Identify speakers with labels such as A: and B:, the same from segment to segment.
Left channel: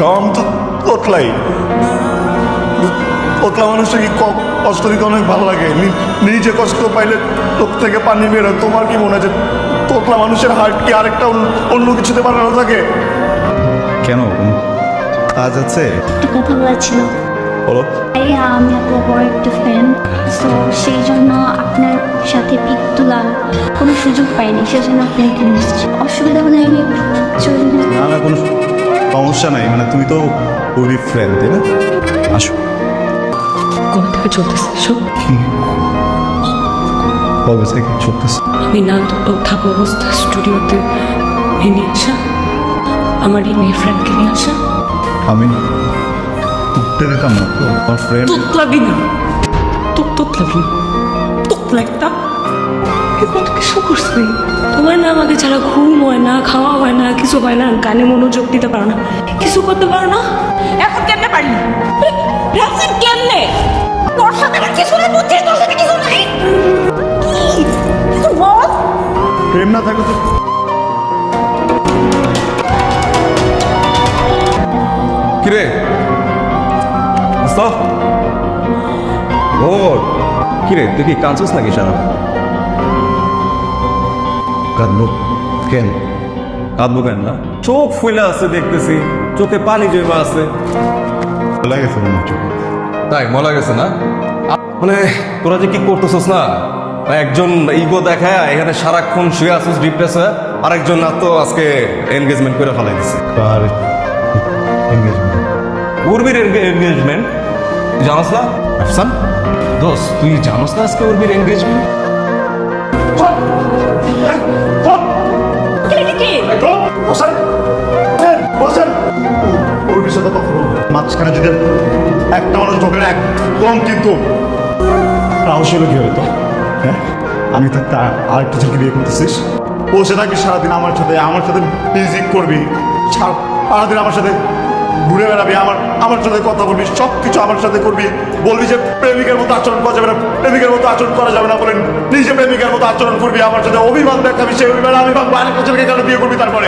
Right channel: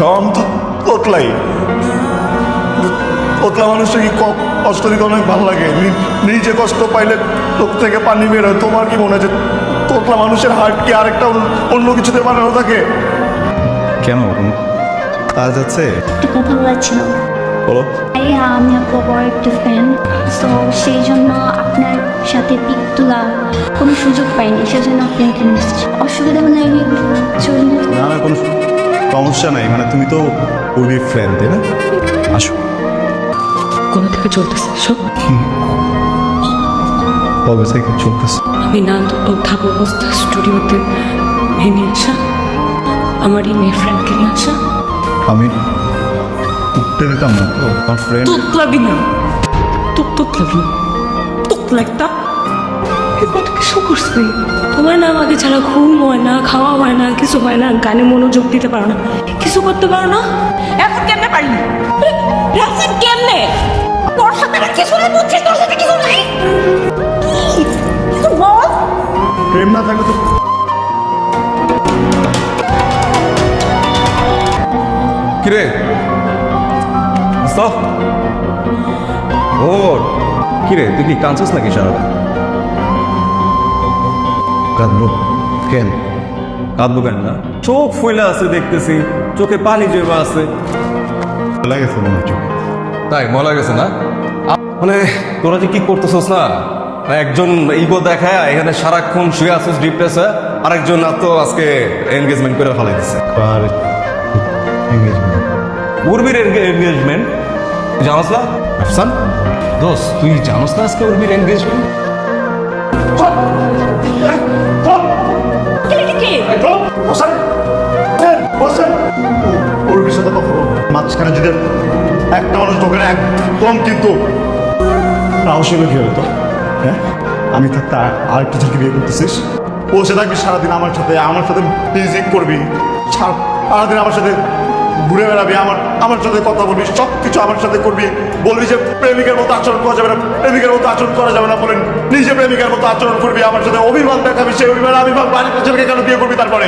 A: তো তোতলাই তোতলা মানুষটাকে কষ্ট দিতে অনেক ভালো লাগে? নিজে কষ্ট পাইলে চোখ থেকে পানি বের হয়। তোমার কি মনে যে তোতলা মানুষের হার্ট কি আরেকটা অন্য- কিছুতে বানানো থাকে?
B: কেন? কাজ হচ্ছে
C: একটা কথা বলার ছিল।
B: বলো।
C: এই আমি আপনার বড় একটা ফ্যান তো সেই জন্য আপনার সাথে পিক তোলা কোনো সুযোগ পাইনি। সেজন্য আপনি এখানে অসুবিধা হলে আমি চলে
B: না না, কোনো সমস্যা নাই মানে তুমি তো ওরই ফ্রেন্ড তাই না? আসো।
D: কবে থেকে চলতেছে? সব
B: কবে থেকে চলতেছে?
D: আমি না তো থাকা অবস্থা স্টুডিওতে ভেঙে আসা। আমার এই মেয়ে ফ্রেন্ডকে নিয়ে আসা।
B: আমি উঠতে দিতাম না। তো আমার ফ্রেন্ড
D: তোতলাবি না। তো তোতলাবি না। তোতলা একটা এবার কিছু করছে? তোমার না আমাকে ছাড়া ঘুম হয় না খাওয়া হয় না কিছু হয় না গানে মনোযোগ দিতে পারো না। কিছু করতে পারো না?
E: এখন কেমনে পারি? রাফসান কেমনে? তোর সাথে আমার কিছু না বুঝছিস তোর সাথে কিছু নাই কি? কিছু বল?
A: প্রেম না থাকলে
F: কিরে? স্টপ ও কিরে তুই কি কাঁদছিস নাকি সারা
B: কাঁদবো কেন?
F: কাঁদবো কেন চোখ ফুলে আছে দেখতেছি চোখে পানি জমা আছে।
B: লাগে ফোন চোখ
F: তাই মনে গেছে না? মানে তোরা যে কি করতেছস না? একজন ইগো দেখায় এখানে সারাক্ষণ শুয়ে আসছিস ডিপ্রেসে আর একজন তো আজকে এনগেজমেন্ট করে ফেলাই দিছে।
B: আর এঙ্গেজমেন্ট
F: উর্বির এনগেজমেন্ট জানোস না? আফসান? দোস্ত তুই জানোস না আজকে উর্বির এনগেজমেন্ট
A: মাঝখানে যদি একটা মানুষ ঢোকে একদম কিন্তু হ্যাঁ? আমি তা- আরেকটা ছেলেকে বিয়ে করতেছিস ও সেটা কি সারাদিন আমার সাথে আমার সাথে মিউজিক করবি সারা- সারাদিন আমার সাথে ঘুরে বেড়াবি আমার আমার সাথে কথা বলবি সব কিছু আমার সাথে করবি। বলবি যে প্রেমিকের মতো আচরণ করা যাবে না প্রেমিকের মতো আচরণ করা যাবে না বলেন। নিজে প্রেমিকের মতো আচরণ করবি আমার সাথে অভিমান দেখাবি সেই অভিমান আমি ভাববো আরেকটা ছেলেকে কেন বিয়ে করবি তারপরে?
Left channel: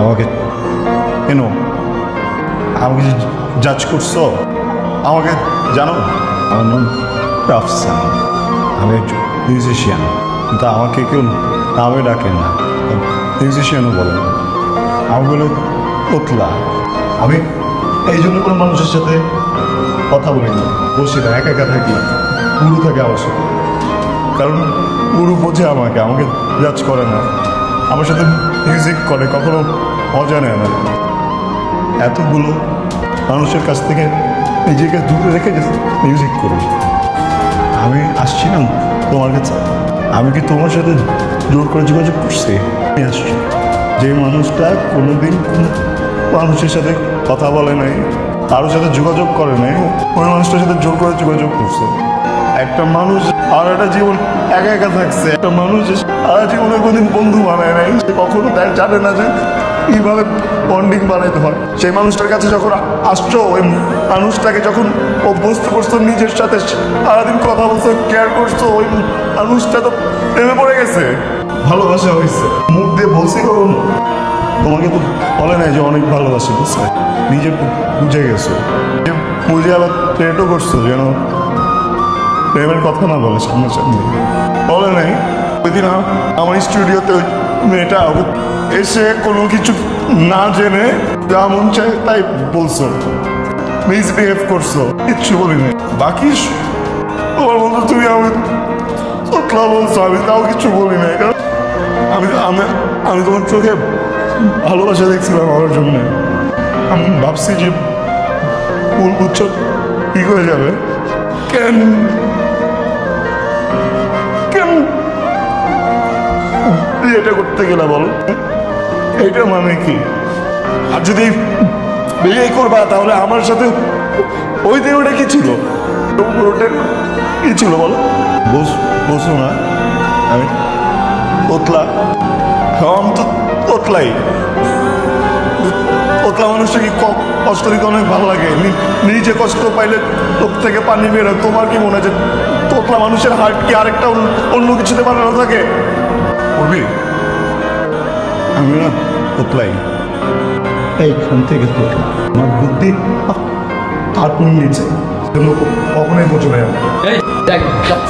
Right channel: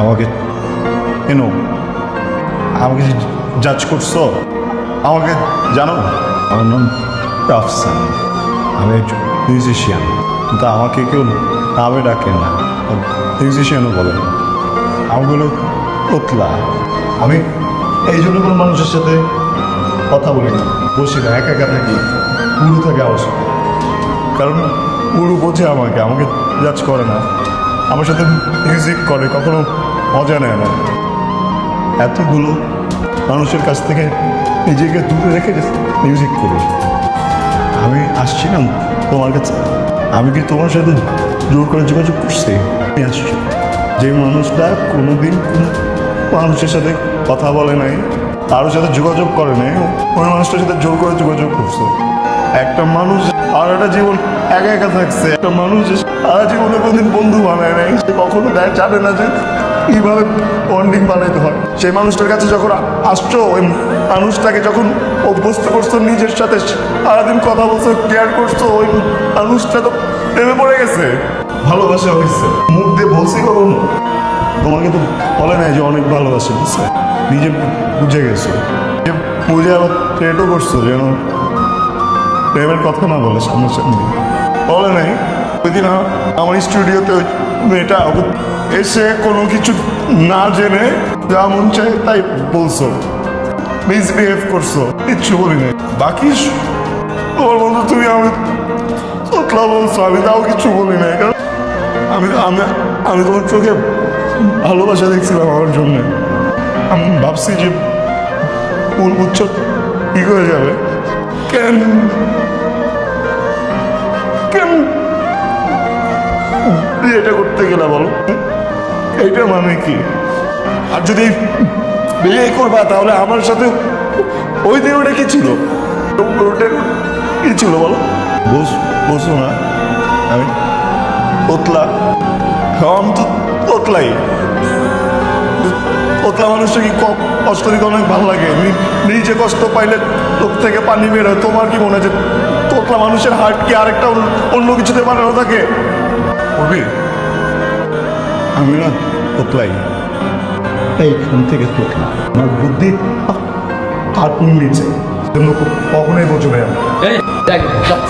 A: আমাকে কেন? আমাকে জাজ করছ? আমাকে জানো? আমার নাম রাফসান। আমি একজন মিউজিশিয়ান কিন্তু আমাকে কেউ নামে ডাকে না। বলে না। আমি বলে আমি এই জন্য কোনো মানুষের সাথে কথা বলি না। বসে না একা একা থাকি। গুরু থাকে আমার সাথে। কারণ গুরু বোঝে আমাকে আমাকে জাজ করে না। আমার সাথে মিউজিক করে, কখনো মজা নেয় না। এতগুলো মানুষের কাছ থেকে নিজেকে দূরে রেখে মিউজিক করি। আমি আসছিলাম তোমার কাছে। আমি কি তোমার সাথে জোর করে যোগাযোগ করছি? আমি আসছি। যে মানুষটা কোনোদিন কোনো মানুষের সাথে কথা বলে নাই, কারোর সাথে যোগাযোগ করে নাই, ওই মানুষটার সাথে জোর করে যোগাযোগ করছে। একটা মানুষ আর একটা জীবন একা একা থাকছে। একটা মানুষ আর জীবনে কোনদিন বন্ধু বানায় নাই, সে কখনো জানে না যে কীভাবে বন্ডিং বানাতে হয়। সেই মানুষটার কাছে যখন আসছো ওই মানুষটাকে যখন অভ্যস্ত করছ নিজের সাথে সারাদিন কথা বলছো কেয়ার করছ, ওই মানুষটা তো প্রেমে পড়ে গেছে। ভালোবাসা হয়েছে। মুখ দিয়ে বলছি কখন? তোমাকে তো বলে নাই যে অনেক ভালোবাসে নিজে বুঝে গেছো। যে বুঝে ট্রেটও করছ, যেন প্রেমের কথা না বলে সামনে সামনে বলে নাই ওই দিন আমার স্টুডিওতে মেয়েটা এসে কোনো কিছু না জেনে যা মন চাই তাই বলছো। মিসবিহেভ করছ, কিচ্ছু বলি নাই। বাকি মতো তুমি আমি তোতলা বলছো, আমি তাও কিছু বলি নাই আমি আমি আমি তোমার চোখে ভালোবাসা দেখছিলাম আমার জন্য। আমি ভাবছি যে মূল উচ্চ ঠিক হয়ে যাবে। কেন করতে গেলাম এইটা মানে কি? আর যদি বিয়ে করবা তাহলে আমার সাথে ওই দিন ওটা কি ছিল? ওটা কি ছিল বুঝ বুঝো না। আমি তোতলা। আমি তো তোতলাই। তোতলা মানুষটাকে ক- কষ্ট দিতে অনেক ভালো লাগে? নিজে কষ্ট পাইলে চোখ থেকে পানি বের হয়। তোমার কি মনে হয় তোতলা মানুষের হার্ট কি আরেকটা অন্য- কিছুতে বানানো থাকে? আমি না তোতলাই ঘুম থেকে তোকে আমার বুদ্ধি হাত নিয়ে নিচ্ছে কখনোই বোঝো না
G: এই একদম